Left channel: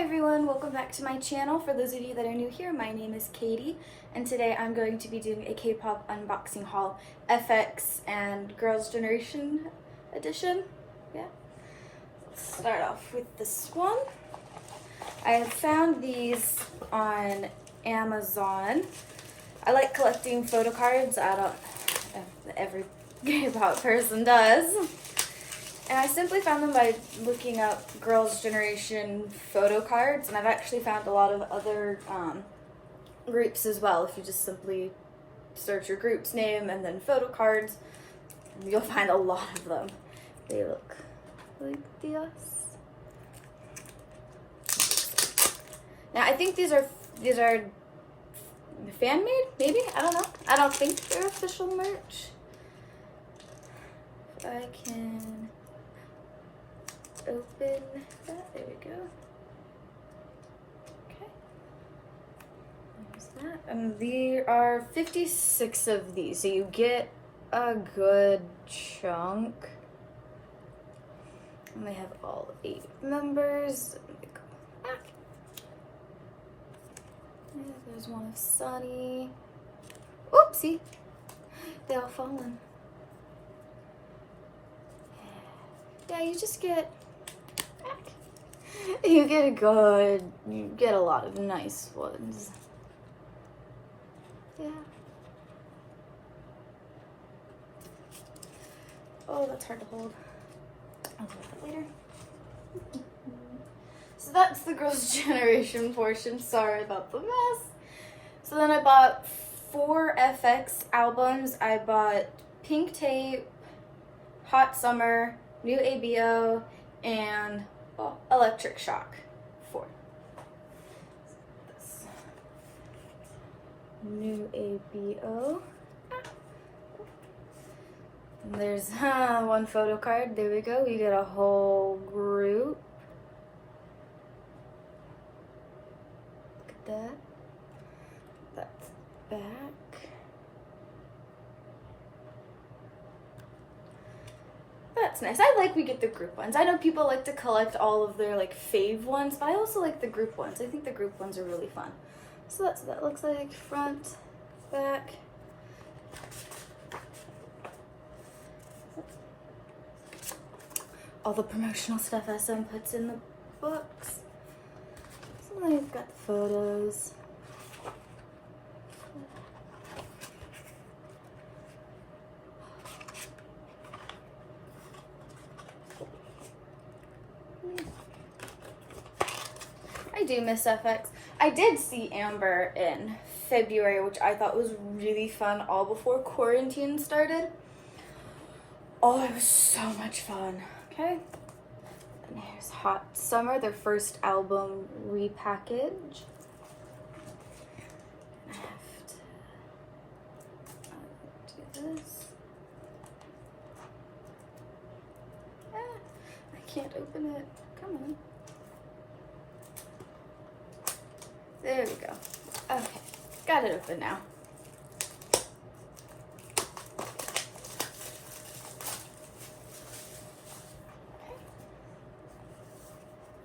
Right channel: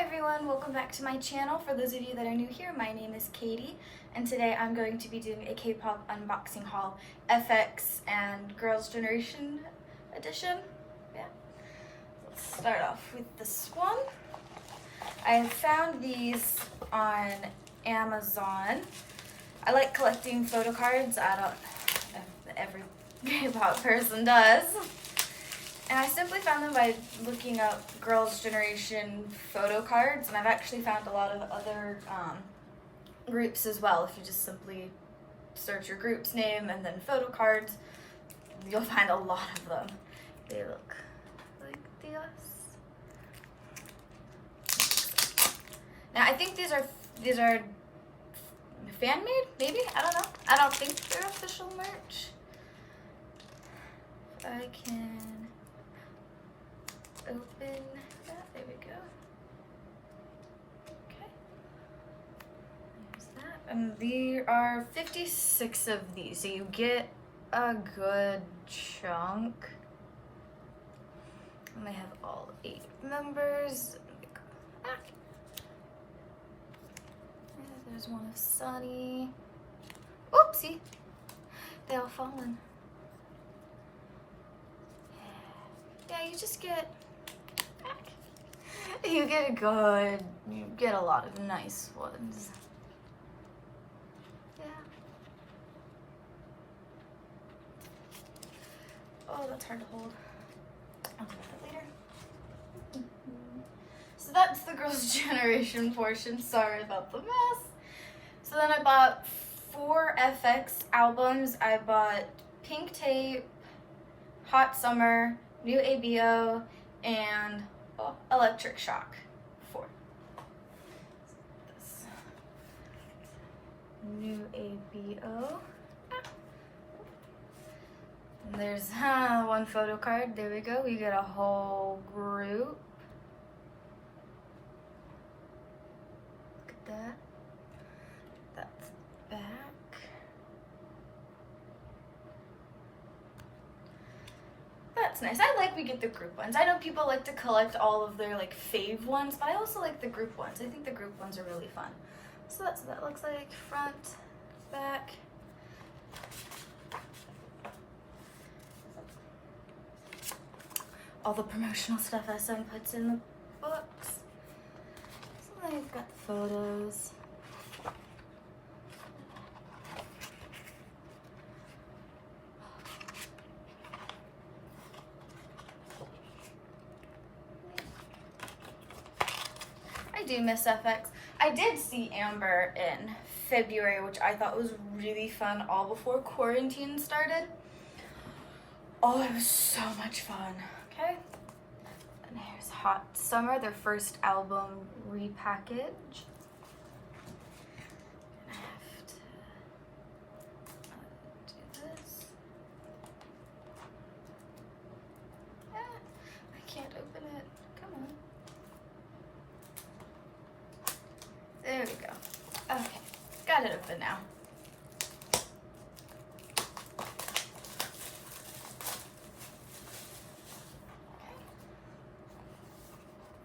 Hi everyone, welcome back to my channel. For those of you that are new here, my name is Katie, and today I'm going to be doing a K-pop unboxing haul, FX and Girls' Generation edition. Yeah. Let's start off with this one. I have found these on Amazon. I like collecting photo cards. Every K-pop person does. And I simply found them by looking up Girls' Generation photo cards, and I've actually found a lot of other groups as well. If you just simply search your group's name and then photo cards, you'll find a lot of them. They look like this. Now I think these are fan-made, maybe? I don't know. I don't think they're official merch. If I can open that, there we go. Okay, there's that. And there are 56 of these, so you get a good chunk. And they have all 8 members. Let me go back. Yeah, there's one of Sunny. Oopsie, they all fallen. Yeah, you just get you get a lot of nice ones. Yeah. Oh, that's hard to hold. I'll do that later. So that's the Girls' Generation portion. Sorry about the mess. So then I bought 4 FX albums. I bought Pink Tape, Hot Summer, New ABO, and Electric Shock 4. This New ABO. And there's one photo card. There we go. We get a whole group. Look at that. That's back. That's nice. I like we get the group ones. I know people like to collect all of their like fave ones, but I also like the group ones. I think the group ones are really fun. So that's what that looks like. Front, back. All the promotional stuff SM puts in the books. So then we've got the photos. I do miss FX. I did see Amber in February, which I thought was really fun, all before quarantine started. Oh, it was so much fun. Okay. And here's Hot Summer, their first album repackage. I have to do this. I can't open it. Come on. There we go. Okay, got it open now. Okay.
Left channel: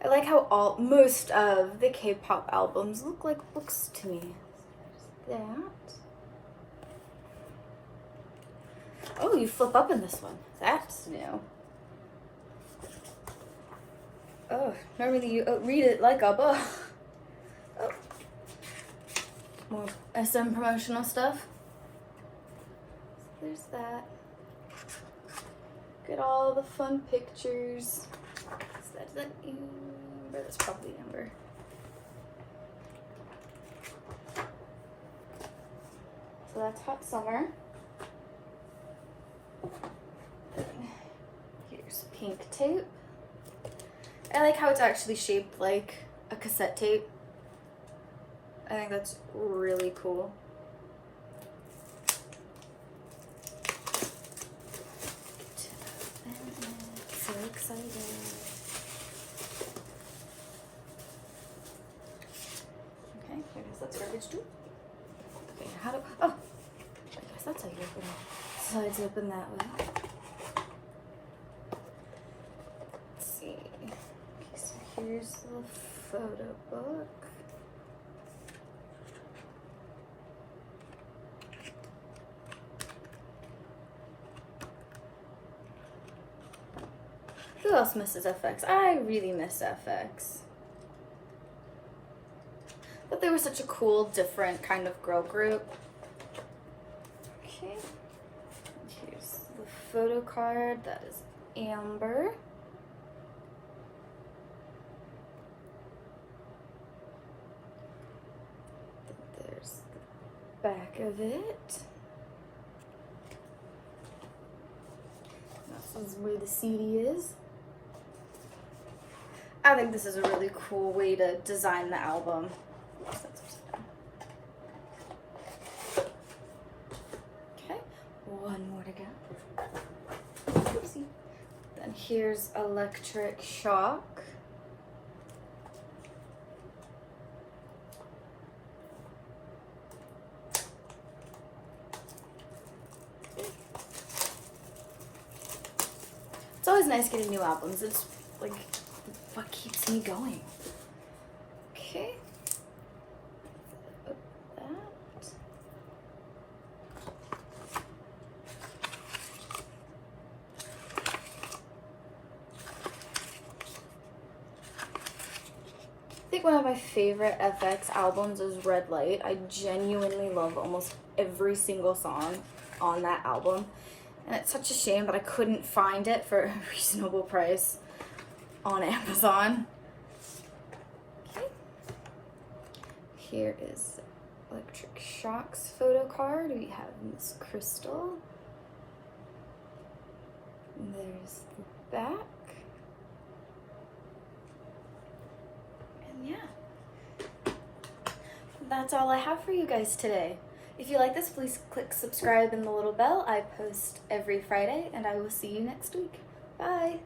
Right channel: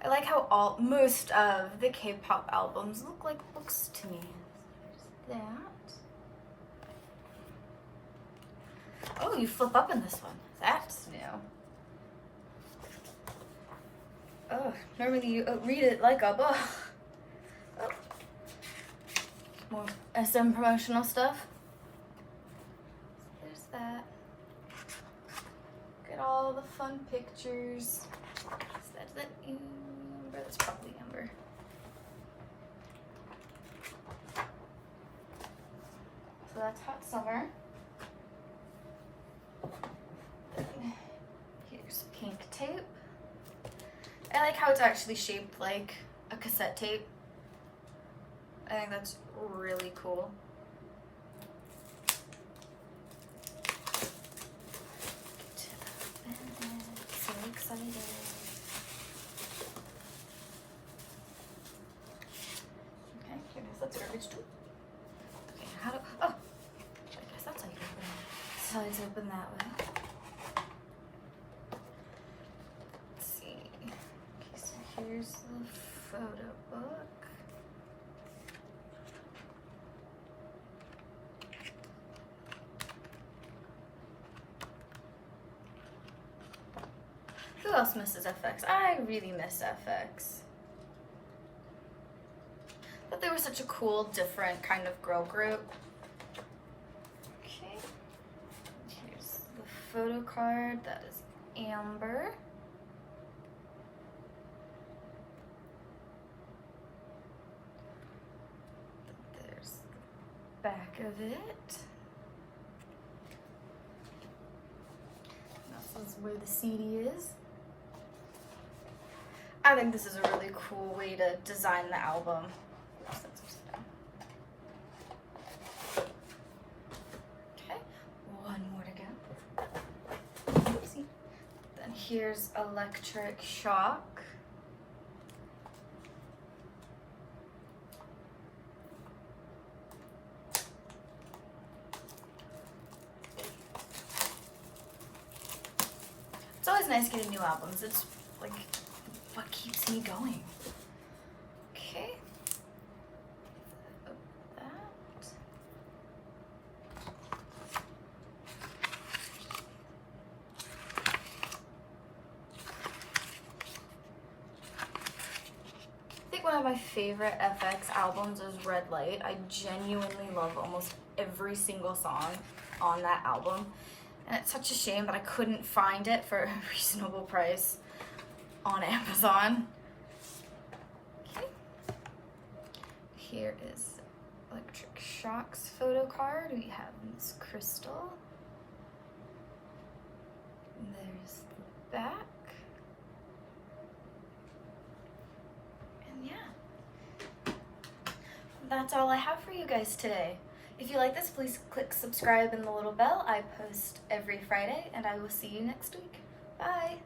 I like how most of the K-pop albums look like books to me. There's that. Oh, you flip up in this one. That's new. Oh, normally you read it like a book. Oh. More SM promotional stuff. There's that. Look at all the fun pictures. Is that Amber? That's probably Amber. So that's Hot Summer. Here's Pink Tape. I like how it's actually shaped like a cassette tape. I think that's really cool. So excited. Okay, I guess that's garbage too. Okay, how do, oh, I guess that's how you open it. Sides open that way. Let's see. Okay, so here's the photo book. Who else misses FX? I really miss FX. But they were such a cool, different kind of girl group. Okay. Here's the photo card. That is Amber. There's the back of it. This is where the CD is. I think this is a really cool way to design the album. Okay, one more to go. Oopsie. Then here's Electric Shock. It's always nice getting new albums. It's like what keeps me going. Okay. Open that. I think one of my favorite FX albums is Red Light. I genuinely love almost every single song on that album. And it's such a shame that I couldn't find it for a reasonable price on Amazon. Okay. Here is Electric Shock's photo card. We have Miss Crystal. And there's the back. And yeah. That's all I have for you guys today. If you like this, please click subscribe and the little bell. I post every Friday, and I will see you next week. Bye!